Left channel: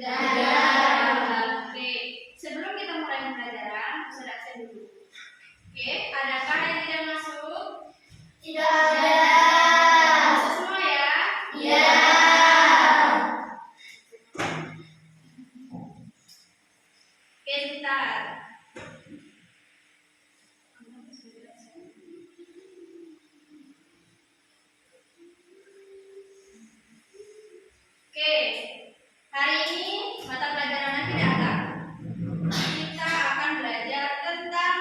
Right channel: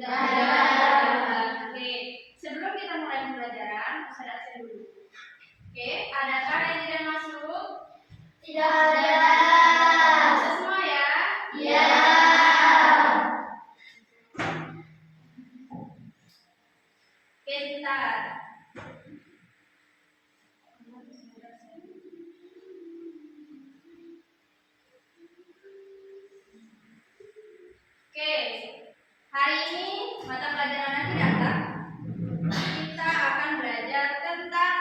Tidak ada. Oke, sebelum kita mulai pembelajaran, bisa absen dulu. Oke, adakah yang tidak masuk? Tidak ada. Masuk semua ya? Iya. Oke, sebentar. Oke, hari ini mata pelajaran nanti datang. Kita akan belajar tentang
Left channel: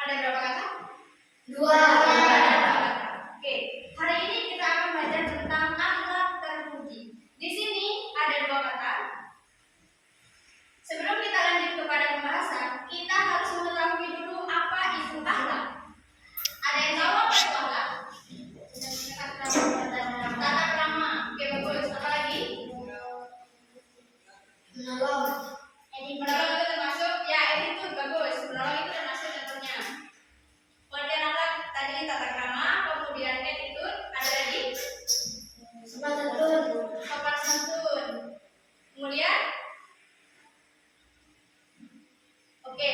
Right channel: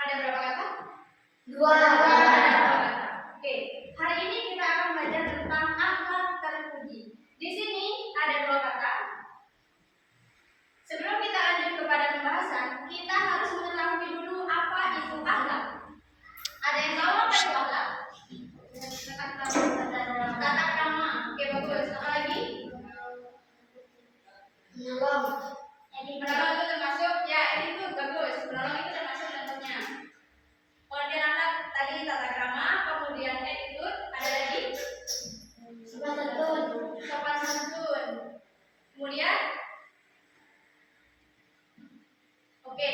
ada berapa kata? Dua. Ada dua kata. Oke, hari ini kita akan belajar tentang akhlak terpuji. Di sini ada dua kata. Sebelum kita lanjut kepada pembahasan, kita harus mengetahui dulu apa itu akhlak. Ada yang tahu apa itu akhlak? Tata krama. Oke, bagus. Apa lagi? Menolong. Menolong itu termasuk ya, itu bagus. Menolong itu termasuk contohnya. Pengertian akhlak tadi tata krama, kemudian attitude, ada lagi Sopan santun. sopan santun. Kemudian oke.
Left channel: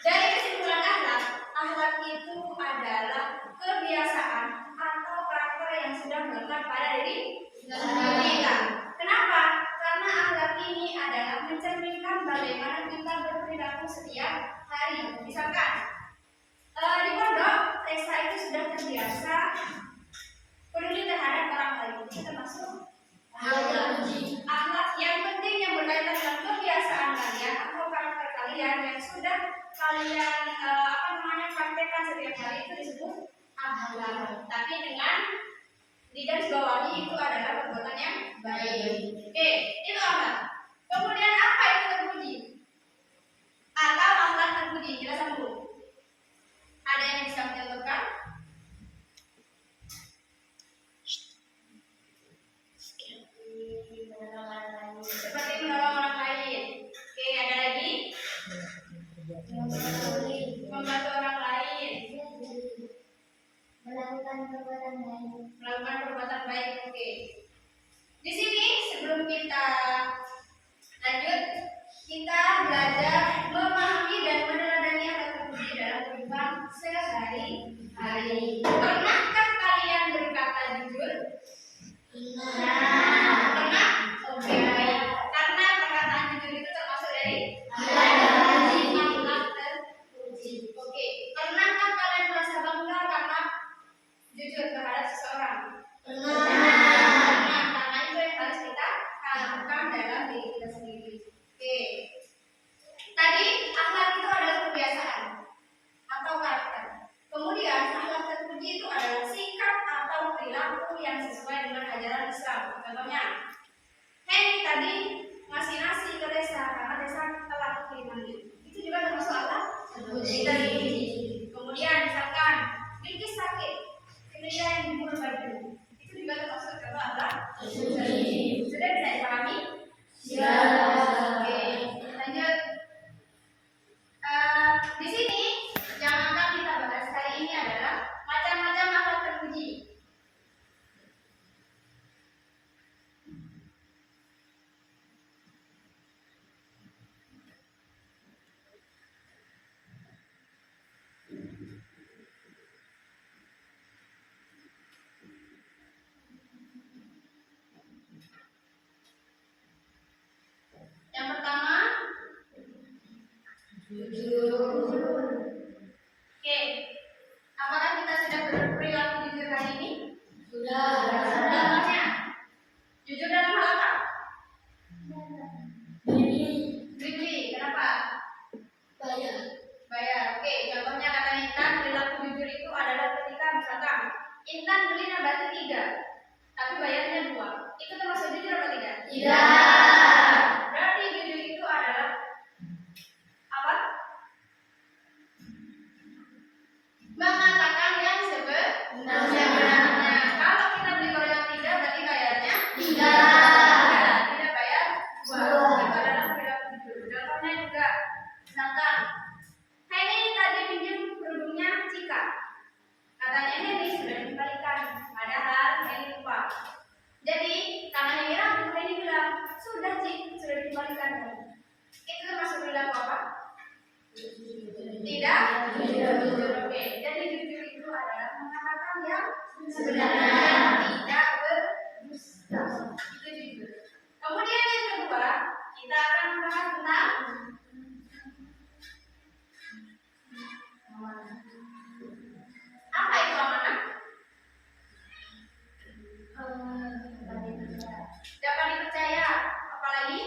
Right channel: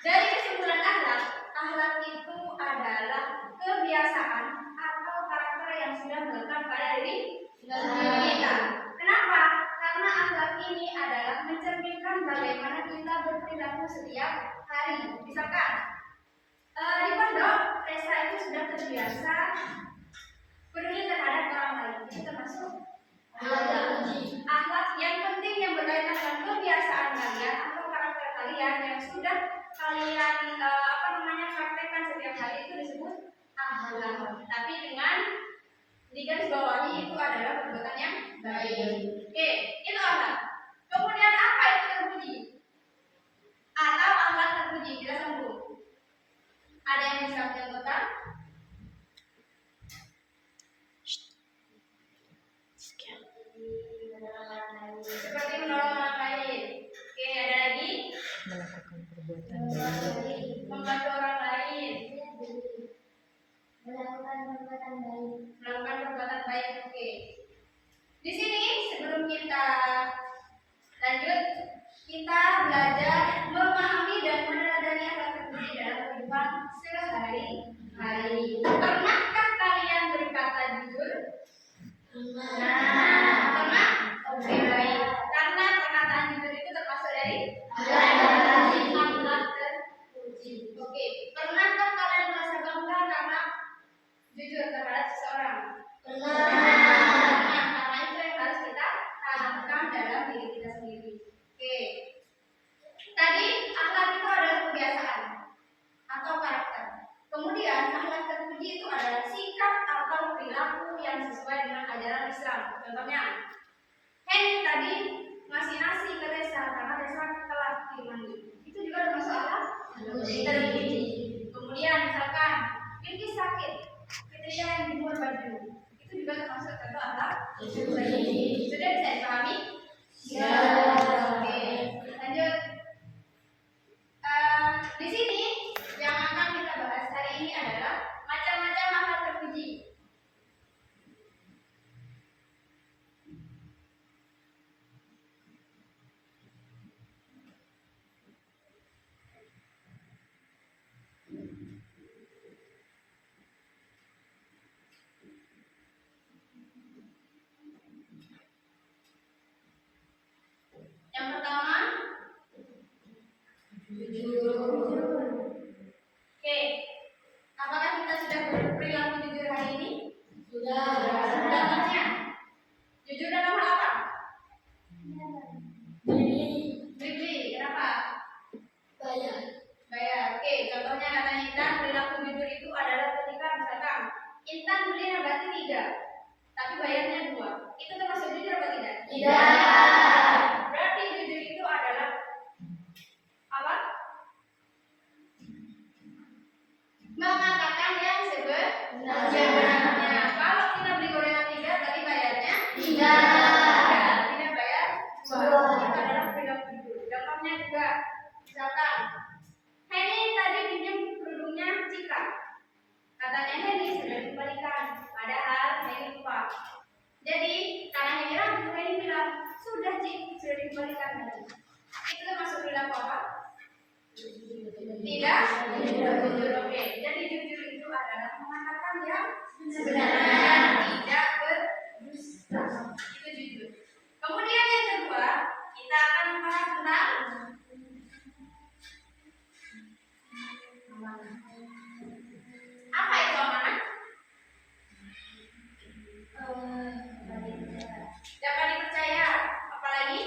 Dari kesimpulan akhlak, akhlak itu adalah kebiasaan atau karakter yang sudah melekat pada diri kita. Kenapa? Karena akhlak ini adalah mencerminkan bagaimana kita berperilaku setiap hari. Misalkan di pondok, Tessa itu sudah terbiasa peduli terhadap orang lain. Itu termasuk akhlak yang penting yang berkaitan dengan kebiasaan kalian atau karakter kalian yang sudah kalian praktekkan setiap hari, itu disebut akhlak. Tapi dengan digarisbawahi itu adalah perbuatan yang baik. Oke, itu akhlak. Kemudian apa itu terpuji? Atau akhlak terpuji? Kita sambung. Ada yang bisa mencontohkan? Seperti menolong orang lain. Oke, ada lagi? Membantu orang lain. Melakukan perbuatan baik. Melakukan perbuatan baik. Oke. Di sini sebelum kita lanjut, kita belajar memahami dan meneladani akhlak terpuji dalam kehidupan sehari-hari. Pernahkah kalian berkata jujur? Pernah? Oke, baik. Karena perkataan jujur itu termasuk dari akhlak terpuji. Oke. Pernahkah kalian merasa bangga karena jujur terhadap seseorang? Nah, karena itu yang harus kita tanamkan dalam diri kita sendiri. Oke. Tadi akhlak itu adalah kebiasaan atau karakter. Kemudian akhlak terpuji itu adalah sikap atau perilaku yang sesuai dengan ajaran Islam. Contohnya, Henny tadi ngasih nasi ke Tessa karena Tessa telat kirimannya. Itu juga termasuk akhlak terpuji. Kemudian misalkan Bilkis sakit, Fitria yang jemur baju, itu juga termasuk akhlak terpuji. Sudah bisa dipahami? Ya. Oke, lanjut. Di sini yang akan kita bahas hari ini adalah macam-macam akhlak terpuji. Yang pertama, jujur. Oke, apakah kita sudah berperilaku jujur hari ini? Sudah. Contohnya, jujur dalam hal apa? Beli. Kenapa? Bayar. Oke, contohnya kata Intan, perilaku jujur itu adalah ketika misalkan Intan beli nabati 3, tapi bayarnya 2. Itu termasuk jujur apa tidak? Tidak. Berarti jujur itu adalah apa? Mengatakan yang sebenarnya. Kalau kita beli gorengan 3, berarti bayarnya 3. Tidak bayar 2. Itu adalah perilaku jujur. Contohnya juga, misalkan Henny tadi pinjam kerudungnya sebenarnya, tidak berdusta. Itu jujur. Kemudian yang kedua, kita akan membahas tentang amanah. Apa itu amanah? Dapat dipercaya. Apalagi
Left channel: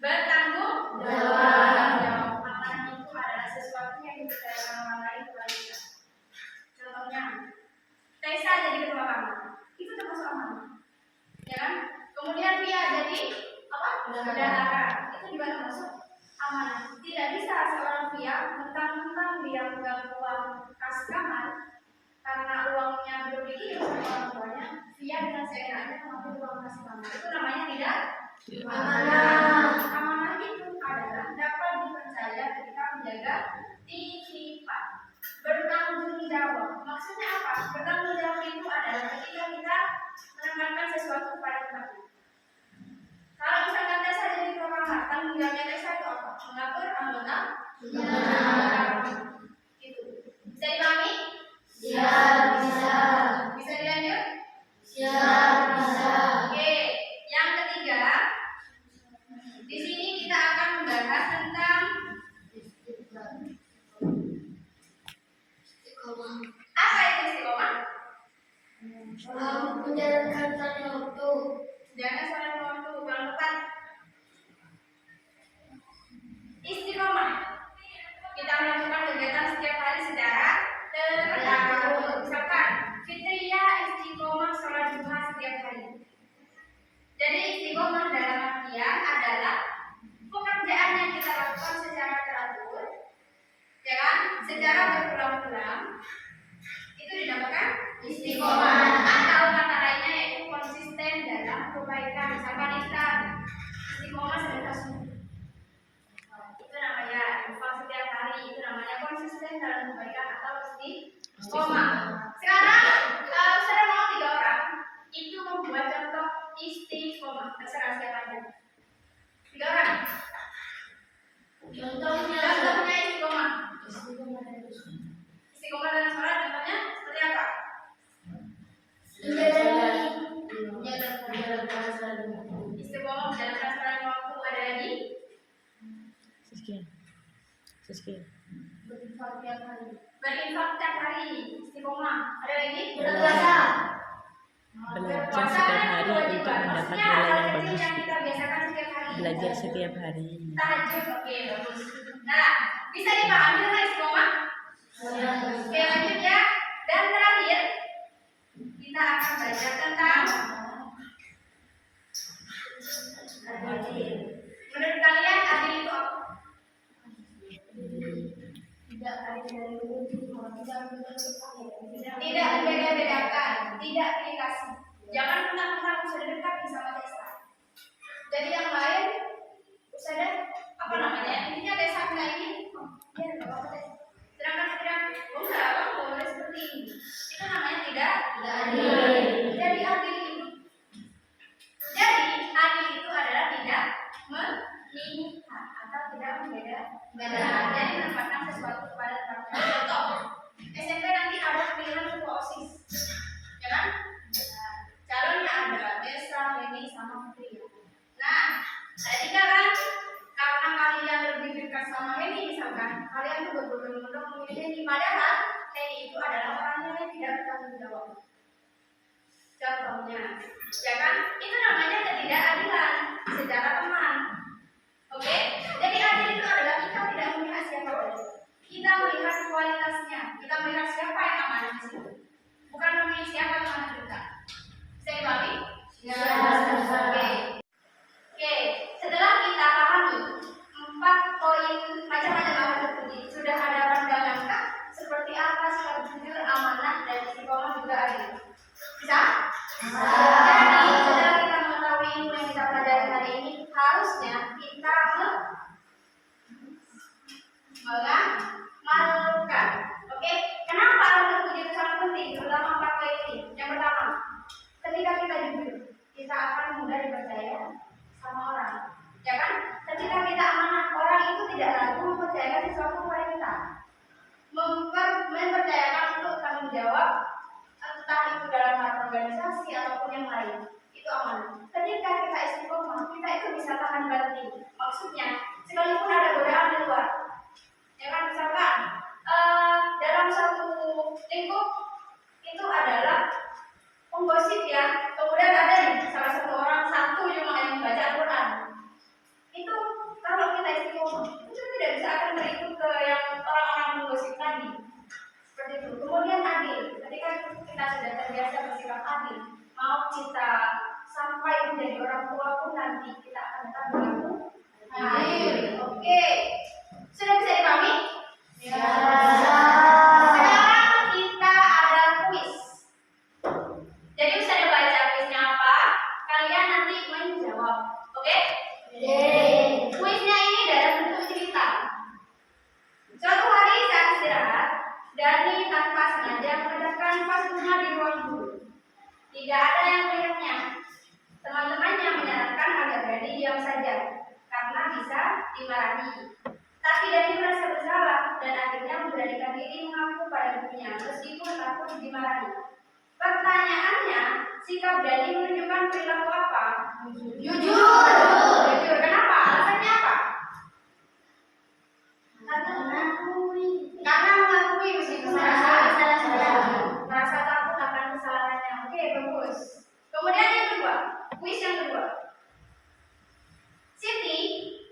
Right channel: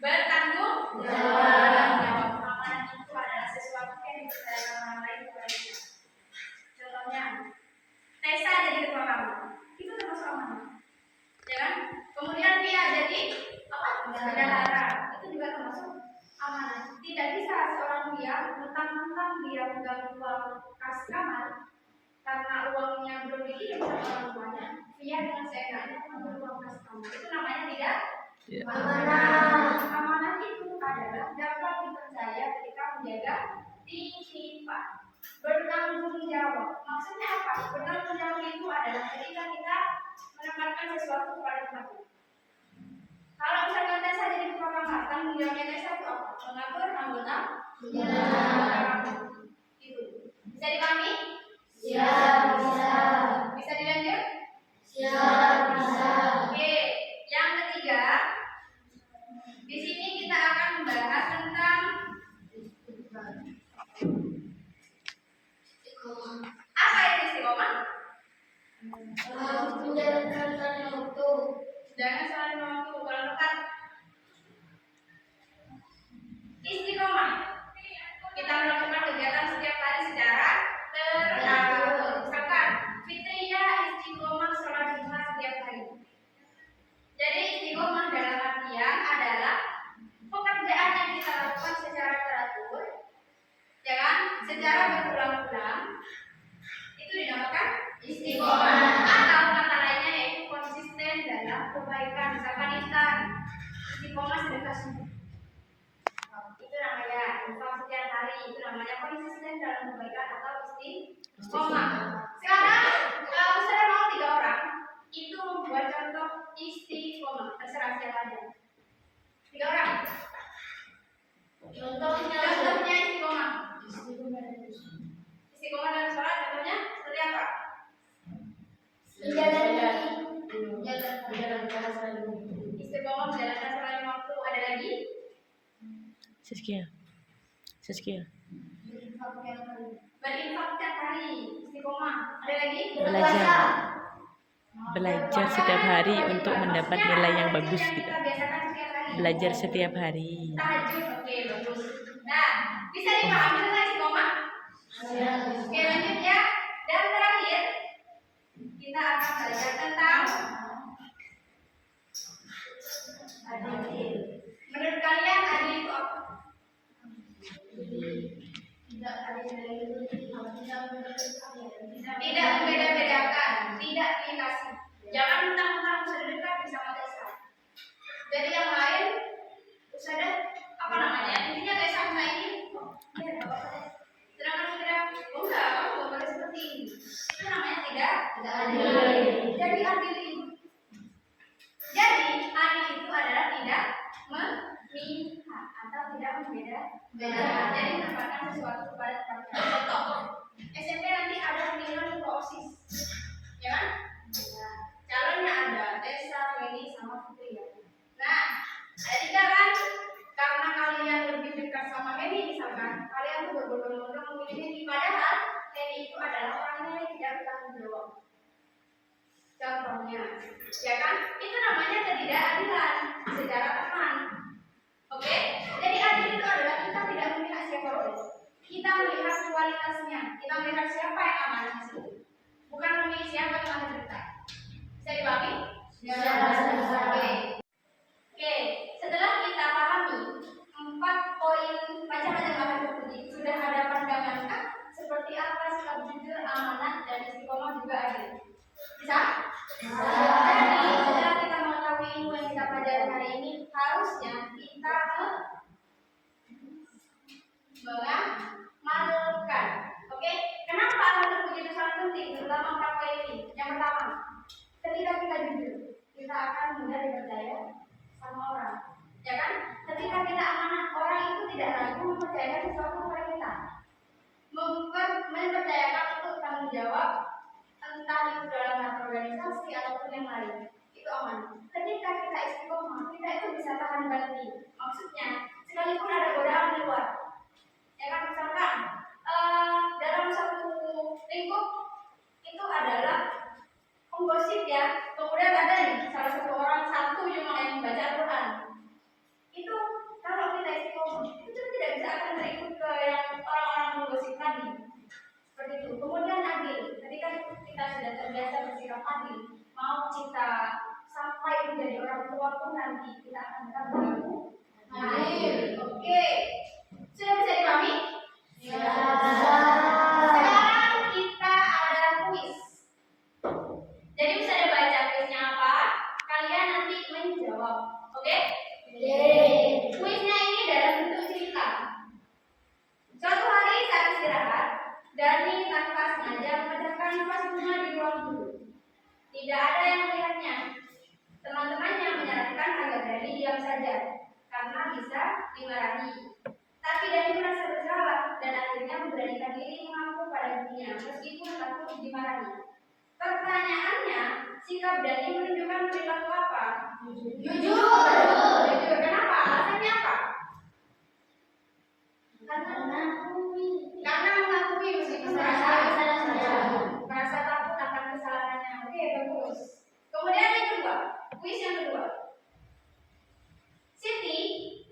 bertanggung jawab. Amanah itu adalah sesuatu yang dipercayakan orang lain kepada kita. Contohnya, Tessa jadi ketua kamar, itu termasuk amanah, ya kan? Kemudian Via jadi apa? Bendahara, itu juga termasuk amanah. Tidak bisa seorang Via mentang-mentang dia pegang uang kas kamar karena uangnya belum dikirim sama orang tuanya, Via dengan seenaknya mengambil uang kas kamar. Itu namanya tidak amanah. Amanah itu adalah dapat dipercaya ketika menjaga titipan. Bertanggung jawab. Maksudnya apa? Bertanggung jawab itu adalah ketika kita menempatkan sesuatu pada tempatnya. Kalau misalkan Tessa jadi ketua kamar, tanggung jawabnya Tessa itu apa? Mengatur anggota? Itu. Bisa dipahami? Bisa. Bisa dilanjut? Bisa. Oke. Yang ketiga, di sini kita akan membahas tentang apa itu istiqomah? Menjalankan tanya waktu. Jangan salah waktu, kalau tepat. Istiqomah. Kita melakukan kegiatan setiap hari secara teratur. Misalkan Fitriyah istiqomah sholat Jumat setiap hari. Jadi istiqomah dalam artian adalah pekerjaan yang kita lakukan secara teratur, ya kan? Secara berulang-ulang. Itu dinamakan istiqomah. Atau kata lainnya yaitu konsisten dalam kebaikan. Misalkan Intan istiqomah sedekah sunnah. Itu namanya infak setiap hari. Itu namanya konsisten dalam kebaikan atau istiqomah. Sekarang saya mau 3 orang itu membuat contoh istiqomah. Terserah siapa aja. 3 orang. Contohnya istiqomah. Istiqomah dalam sholat contohnya seperti apa? Istiqomah menjalankan sholat lima waktu. Ada lagi? Saskia. Berinfak tiap hari. Istiqomah. Ada lagi? Belajar setiap hari untuk mendapat nilai yang bagus Yang gitu. kita biasakan setiap hari. Belajar setiap hari. Tahajud, oke, bagus. Nah, bisa dipahami tentang istiqomah? Oke, lanjut ya. Dan terakhir, kita akan belajar tentang adil. Menurut kalian adil itu apa? Tidak membeda-bedakan, tidak pilih kasih. Jangan mentang-mentang sudah dekat sama Tessa. Jadi yang lain sudah apa namanya? Intinya Tessa minta ini, ya nggak apa-apa deh. Sedangkan kita enggak, kamu nggak boleh seperti ini. Itu namanya tidak adil. Jadi adil itu, itu adalah tidak memihak atau tidak membeda-bedakan. Jadi menempatkan sesuatu kepada tempatnya. Contoh, SMP nanti ada pemilihan ketua OSIS, ya kan? Calonnya ada Tessa, Heni, sama Putri ya. Nah, ada 3 kan? Karena kalian lebih dekat sama Heni misalkan, kalian tuh berbondong-bondong memilih Heni. Padahal Heni itu adalah orangnya yang tidak bertanggung jawab. Contohnya, ya kan? Itu namanya ketidakadilan secara teman. Oke? Jadi adil itu adalah kita tidak melihat siapapun. Kita melihat kualitasnya. Kita melihat siapa yang amanah di situ. Bukan memilih siapa yang amanah kita. Bisa dibagi? Oke. Setelah kita pahami 4 poin macam-macam bahan puji, sudah ada pandangan kah? Seperti apa sikap jujur, amanah, dan istiqomah juga adil? Bisa? Jadi setelah kita mengetahui ilmu yang kita pelajari hari ini, harusnya kita mengamalkan. Oke? Kenapa bahan puji itu sangat penting? Terutama 4 poin ini. Yang pertama, ketika kita jujur, kita akan mudah dipercaya sama orang, ya kan? Ketika kita amanah, orang itu tidak ragu mempercayakan sesuatu kepada kita. Mempercayakan menjawab, entah itu dalam hal organisasi ataupun yang lain, itu aman. Ketika kita istiqomah, kita itu bisa tahan banting. Maksudnya, sekalipun ada godaan di luar, ya kan, misalkan dalam satu lingkup itu adalah penggosip ya, kemudian ada nih salah satu orang satu yang baca Al-Quran. Itu kalau kita istiqomah, itu tidak bisa akan berikut ke yang orang-orang menggosip tadi. Seperti itu. Kemudian adil. Ketika kita sudah terbiasa bersikap adil, mau kita sampai menjadi orang tua pun nanti kita akan tetap berlaku adil. Oke. Sudah bisa dipahami? Ya. Sekarang kita ada kuis. Jadi bisa dibaca kuisnya apa? Kalian nanti menjawab. Oke? Kuisnya ini dalam bentuk cerita. Suatu hari saat istirahat, Dani tanpa sengaja menghadapkan pasnya di ruang guru. Tidak ada yang melihatnya. Teman-temannya menyarankan agar Dani diam saja karena bisa dimarahi. Tapi Dani merasa bersalah dan akhirnya memberanikan diri mengaku pada ibunya meskipun takut dimarahi. Pertanyaannya, sikap Dani menunjukkan perilaku apa? Jujur. Kenapa? Alasannya apa? Karena mengakui meskipun merasa takut akan kesalahannya. Oke, bagus. Kemudian yang kedua, kuis yang kedua. Siti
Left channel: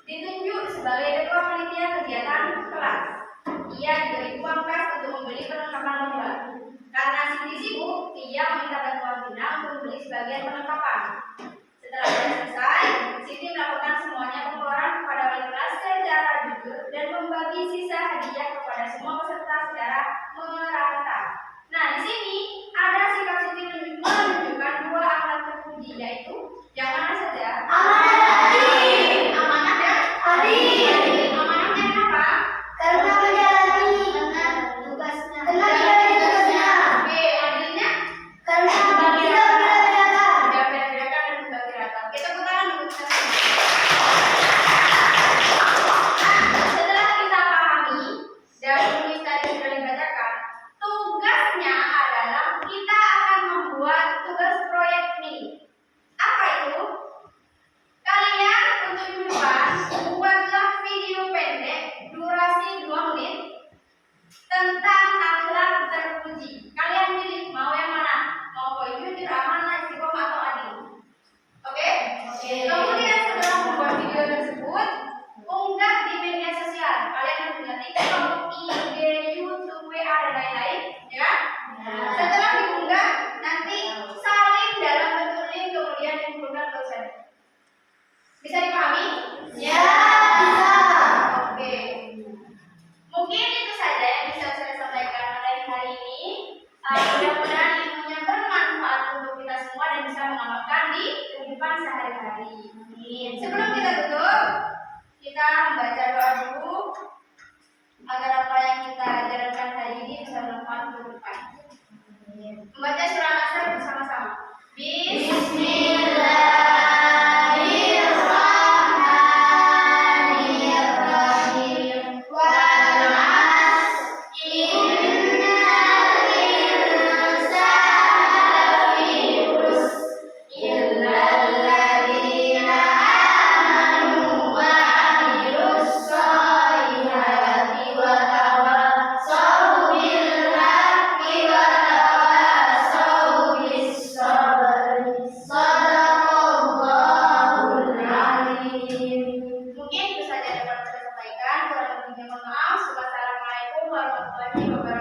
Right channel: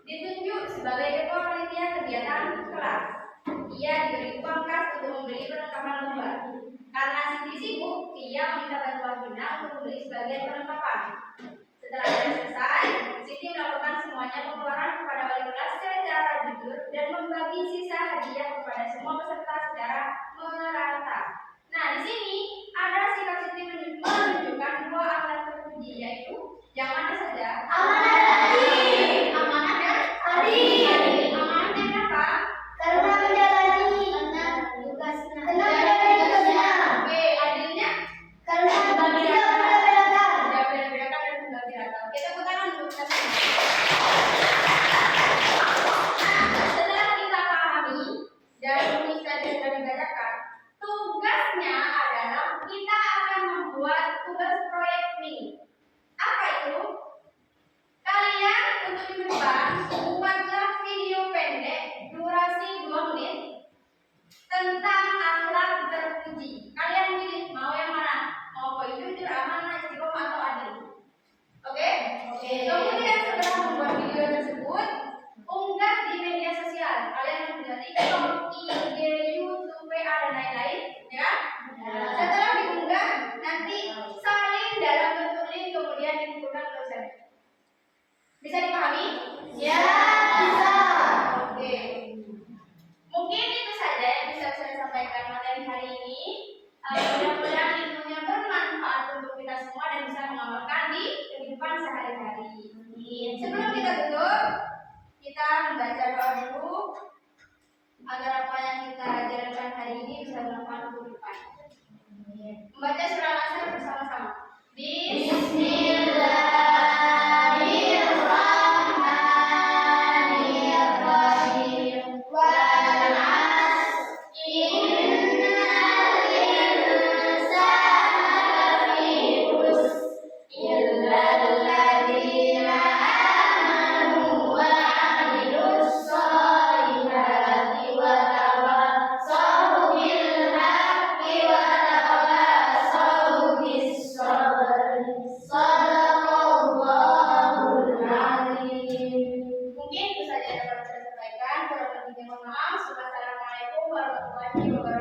ditunjuk sebagai ketua panitia kegiatan kelas. Ia diberi uang kas untuk membeli perlengkapan lomba. Karena Siti sibuk, ia meminta bantuan Vina untuk membeli sebagian perlengkapan. Setelah selesai, Siti melakukan semuanya pengeluaran kepada wali kelas secara jujur dan membagi sisa hadiah kepada semua peserta secara merata. Nah, di sini ada sikap Siti menunjukkan dua akhlak terpuji, yaitu yang mana saja? Amanah dan adil. Amanahnya kenapa? Karena menjalani tugasnya. Oke, adilnya? Karena tidak berbeda-bedakan. Tidak beda-bedakan dan membagi rata. Oke, tepuk tangan untuk kita semua. Nah, setelah kita pahami dan tulis tadi sudah dibacakan, tugasnya adalah kita akan membuat tugas proyek mini. Apa itu? Kalian untuk minggu depan buatlah video pendek durasi 2 menit tentang akhlak terpuji. Kalian pilih mau yang mana? Mau jujur, amanah, istiqomah atau adil? Oke? Kemudian setelah membuat video tersebut, unggah di media sosial. Kalian harus punya TikTok, IG, YouTube, WA dan lain-lain, ya kan? Setelah diunggah, nanti salin dalam bentuk link kemudian dikumpulkan ke website. Bisa dipahami? Ya, bisa. Oke. Mungkin itu saja yang bisa saya sampaikan pada hari ini. Mudah-mudahan ilmunya bermanfaat untuk kita semua dan bisa mengamalkan di kehidupan sehari-hari. Sebelum kita tutup, kita membaca doa dulu agar apa yang kita ajarkan hari ini bisa bermanfaat untuk kita. Membaca surah Al-Asr bersama-sama. Bismillahirrahmanirrahim. Wal 'asr innal insana lafi khusr illa alladziina aamanu wa 'amilus shalihati wa tawassaw bil haqqi wa tawassaw bis sabr. Shadaqallahul 'azim. Mungkin itu saja yang dapat saya sampaikan. Kurang lebihnya mohon maaf. Wassalamualaikum warahmatullahi wabarakatuh.